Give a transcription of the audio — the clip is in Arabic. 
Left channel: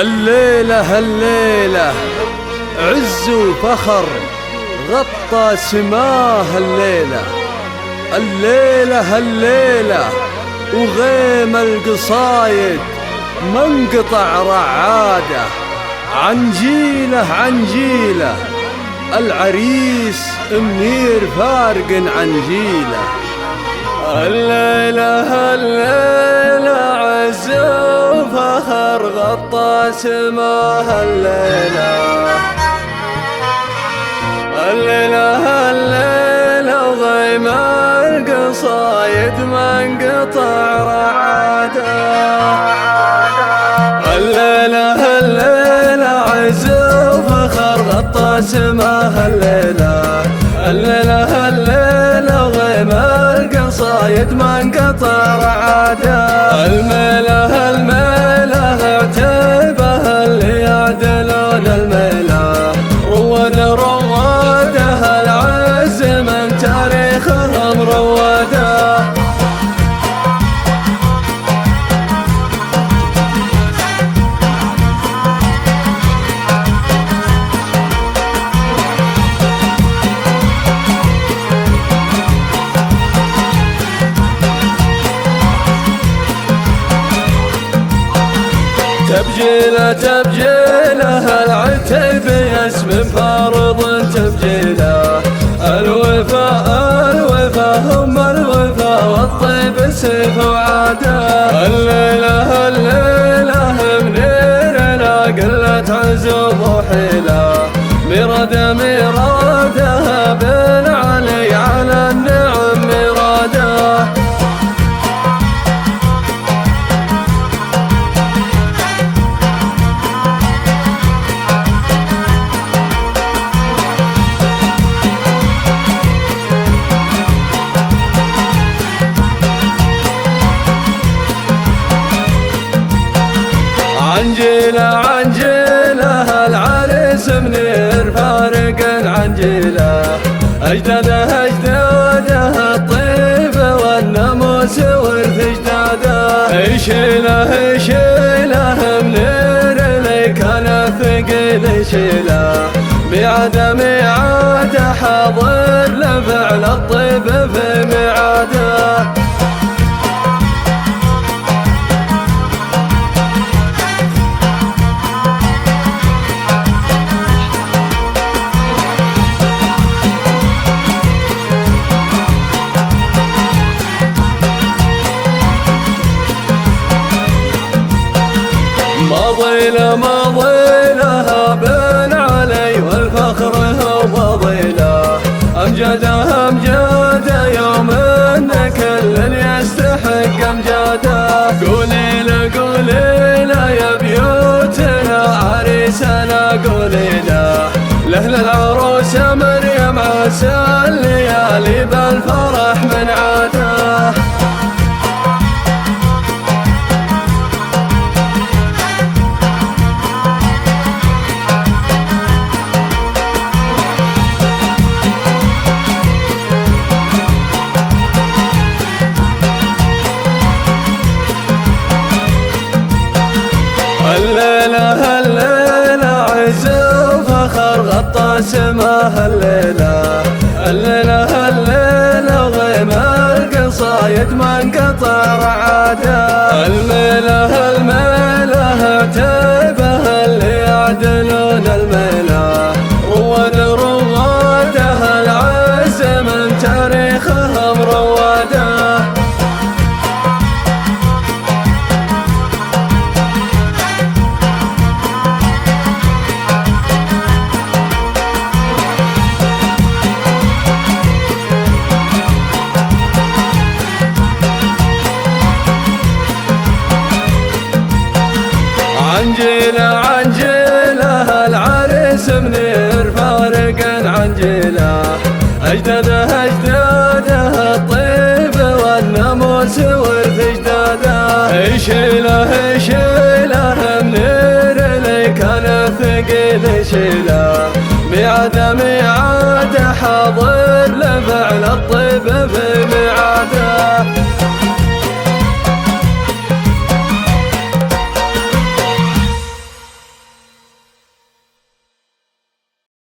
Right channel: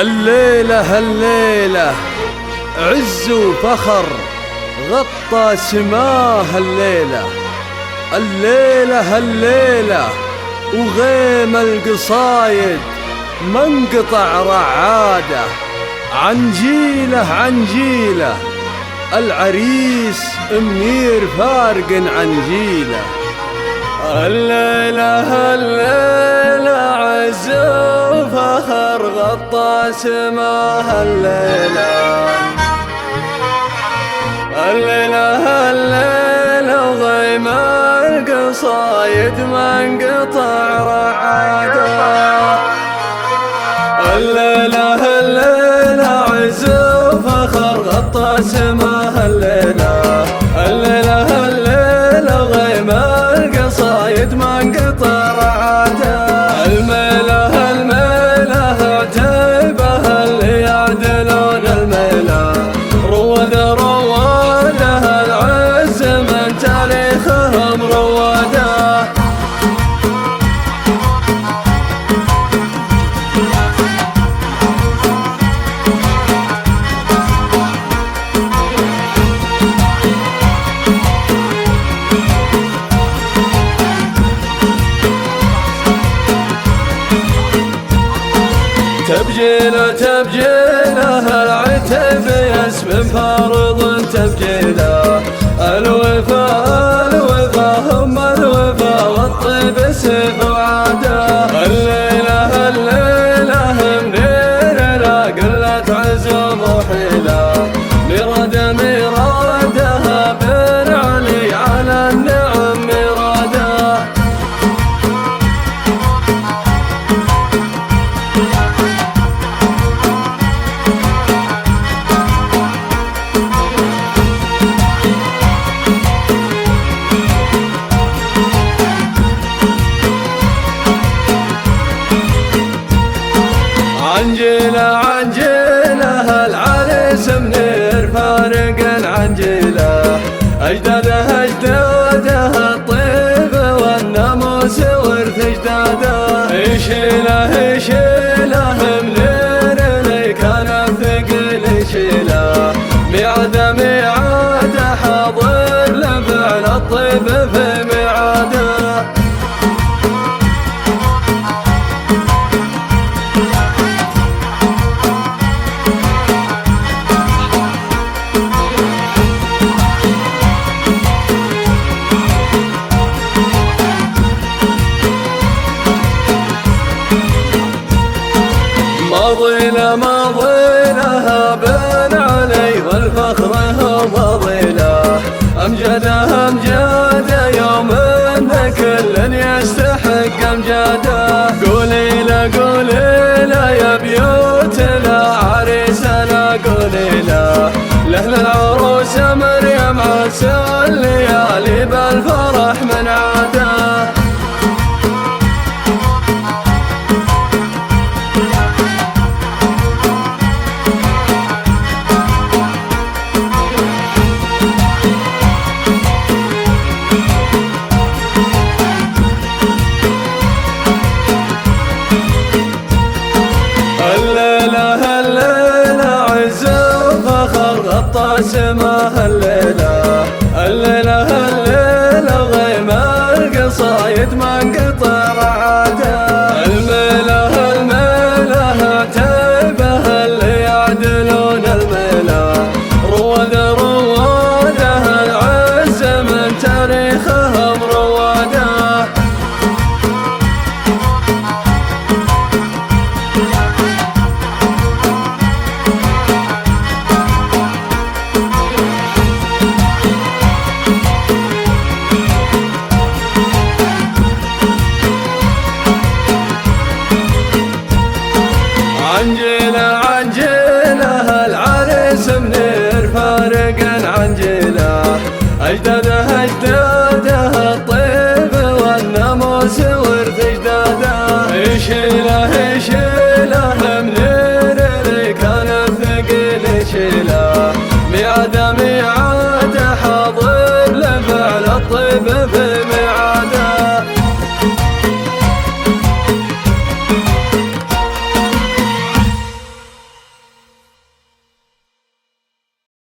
الليلة الليلة عز وفخر غطى سماه الليلة. الليلة الليلة وغيم القصايد ما انقطع رعاده. عنجيله عنجيله العريس منير فارق عنجيله. الليلة الليلة عز وفخر غطى سماه الليلة. الليلة الليلة وغيم القصايد ما انقطع رعاده. الليلة الليلة عز وفخر غطى سماه الليلة. الليلة الليلة وغيم القصايد ما انقطع رعاده. الميلة الميلة عتيبه اللي يعدلون الميلة. روده روده العز من تاريخهم روده. تبجيله تبجيله العتيب اسم فارض تبجيله. الوفاء الوفاء هم الوفاء والطيب سيف وعاده. الليلة الليلة منيرنا قلت عزوم وحيله. ميراده ميراده بن علي على النعم ميراده. عنجيله عنجيله العريس منير فارق عنجيله. أجداده أجداده الطيب والناموس ورث أجداده. يشيله يشيله منير اللي كان ثقيل يشيله. ميعاده ميعاده حاضر لفعل الطيب في ميعاده. ماضينا ماضينا بن علي والفخر هو ماضينا. أمجاده أمجاده يوم إن كل يستحق أمجاده. قولي له قولي له يا بيوتنا عريسنا قولي له. لأهل العروس مريم عسى الليالي بالفرح من عاده. الليلة الليلة عز وفخر غطى سماه الليلة. الليلة الليلة وغيم القصايد ما انقطع رعاده. الميلة الميلة عتيبه اللي يعدلون الميلة. روده روده العز من تاريخهم روده. عنجيله عنجيله العريس منير فارق عنجيله. أجداده أجداده الطيب والناموس ورث أجداده. يشيله يشيله منير اللي كان ثقيل يشيله. ميعاده ميعاده حاضر لفعل الطيب